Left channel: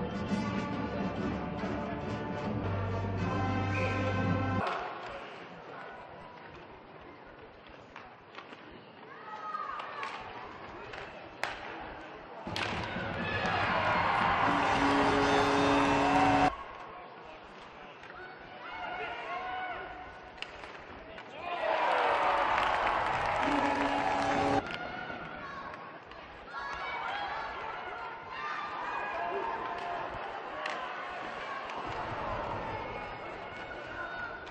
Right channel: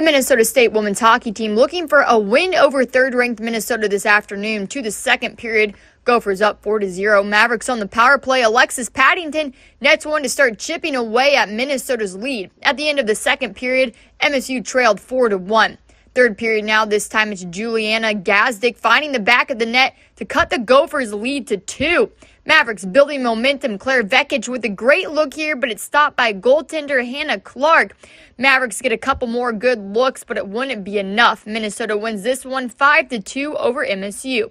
The Minnesota State women's hockey team looking for a win over third-ranked Minnesota this afternoon. To the second period, Gophers up 4-0. Mavericks on the power play. Alexis Paddington nets one to start chipping away at Minnesota's lead. At the end of the second period, MSU trailed 4-1. Third period now, this time it's Juliana Gazdick finding the back of the net to cut the Gophers' lead to 2. Mavericks building momentum. Claire Vekic with a great look here, but it's stopped by goaltender Hannah Clark. Mavericks get a couple more good looks, but it wouldn't be enough. Minnesota wins this one 5-2 over MSU.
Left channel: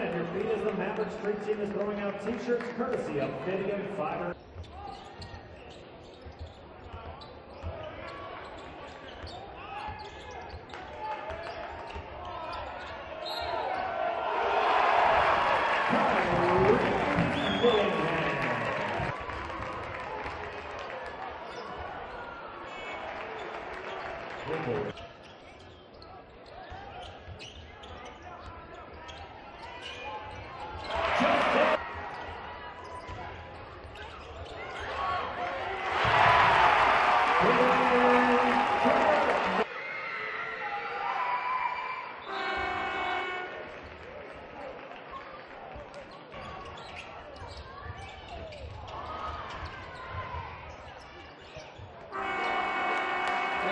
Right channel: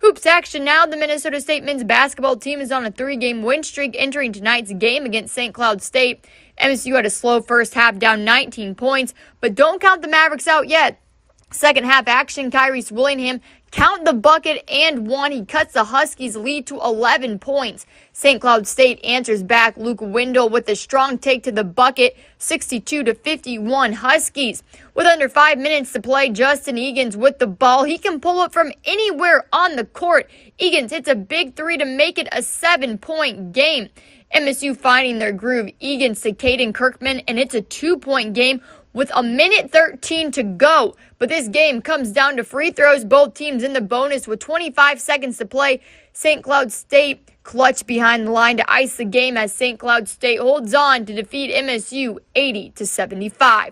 Hoops action now. The Minnesota State men's basketball team is on a 3-game win streak entering tonight's game against St. Cloud State. MSU had a slow first half, down 19 points, but don't count the Mavericks out yet. Second half action, Kyrese Willingham count the bucket and one. He cuts the Huskies' lead to 11 points. St. Cloud State answers back. Luke Wendell with a strong take to the bucket, 62-51 Huskies. With under 5 minutes to play, Justin Egan's with the ball. He can pull it from anywhere on the court. Egan's hits a big three to make it a 7-point game. MSU finding their groove. Egan's to Caden Kirkman, and it's a 2-point game with a minute 13 to go. But this game comes down to free throws. Both teams in the bonus with 25 seconds to play. St. Cloud State clutch behind the line to ice the game as St. Cloud State holds on to defeat MSU 80-75.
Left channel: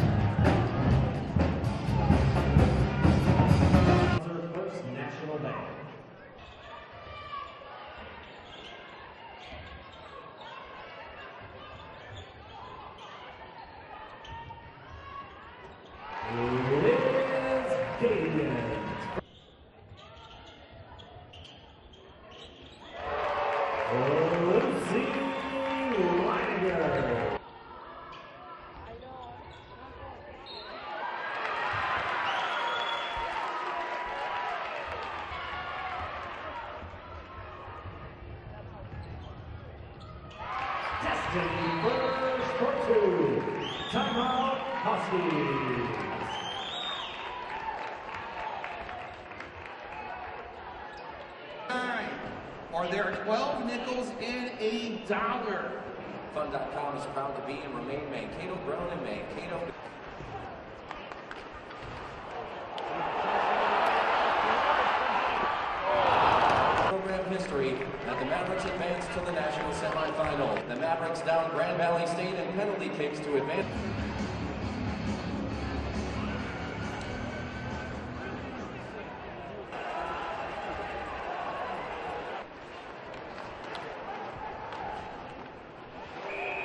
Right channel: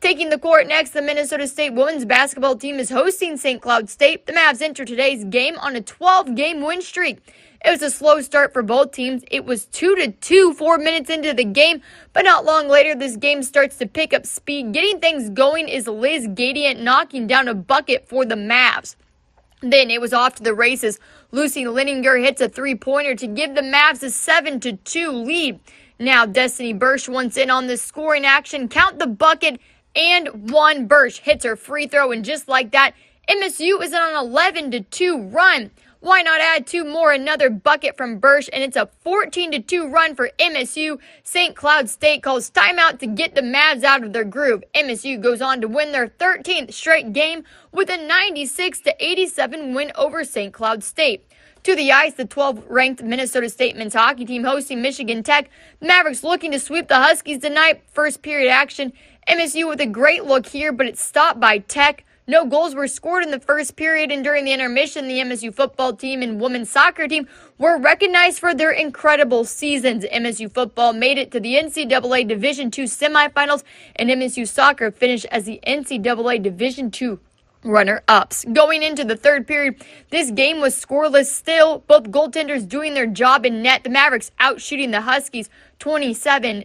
Taking the court next, the Minnesota State women's basketball team is hosting St. Cloud State. The Mavs enter today's game on a 12-game win streak. It was a slow start for both teams. It was 2-2 4 minutes into the game, but not long later, this game starts to pick up speed. Getting things going is Liz Gadiant knocking down a bucket for the Mavs. Then it was off to the races. Lucy Lininger hits a three-pointer to give the Mavs a 7-2 lead. Now Destiny Bursch wants in on the scoring action. Count the bucket and one. Bursch hits her free throw, and just like that, MSU is on an 11-2 run. Why not add two more? Another bucket from Bursch, and it's a 14-2 run for MSU. St. Cloud State calls timeout to get the Mavs out of their groove. MSU goes on to win their 13th straight game with a 96-87 win over St. Cloud State. To the ice, the 12th-ranked Minnesota State men's hockey team hosting Michigan Tech. Mavericks looking to sweep the Huskies tonight. First period action. MSU with a great look here, but it's stopped by Tech. No goals were scored in the first period, and during the intermission, the MSU football team and women's soccer team were recognized for their incredible seasons. MSU football made it to the NCAA Division II semifinals, and MSU soccer finished as the NCAA Division II runner-ups. Going into the third period, this game was scoreless still. Both goaltenders doing their job in net. The Mavericks outshooting the Huskies 27-20.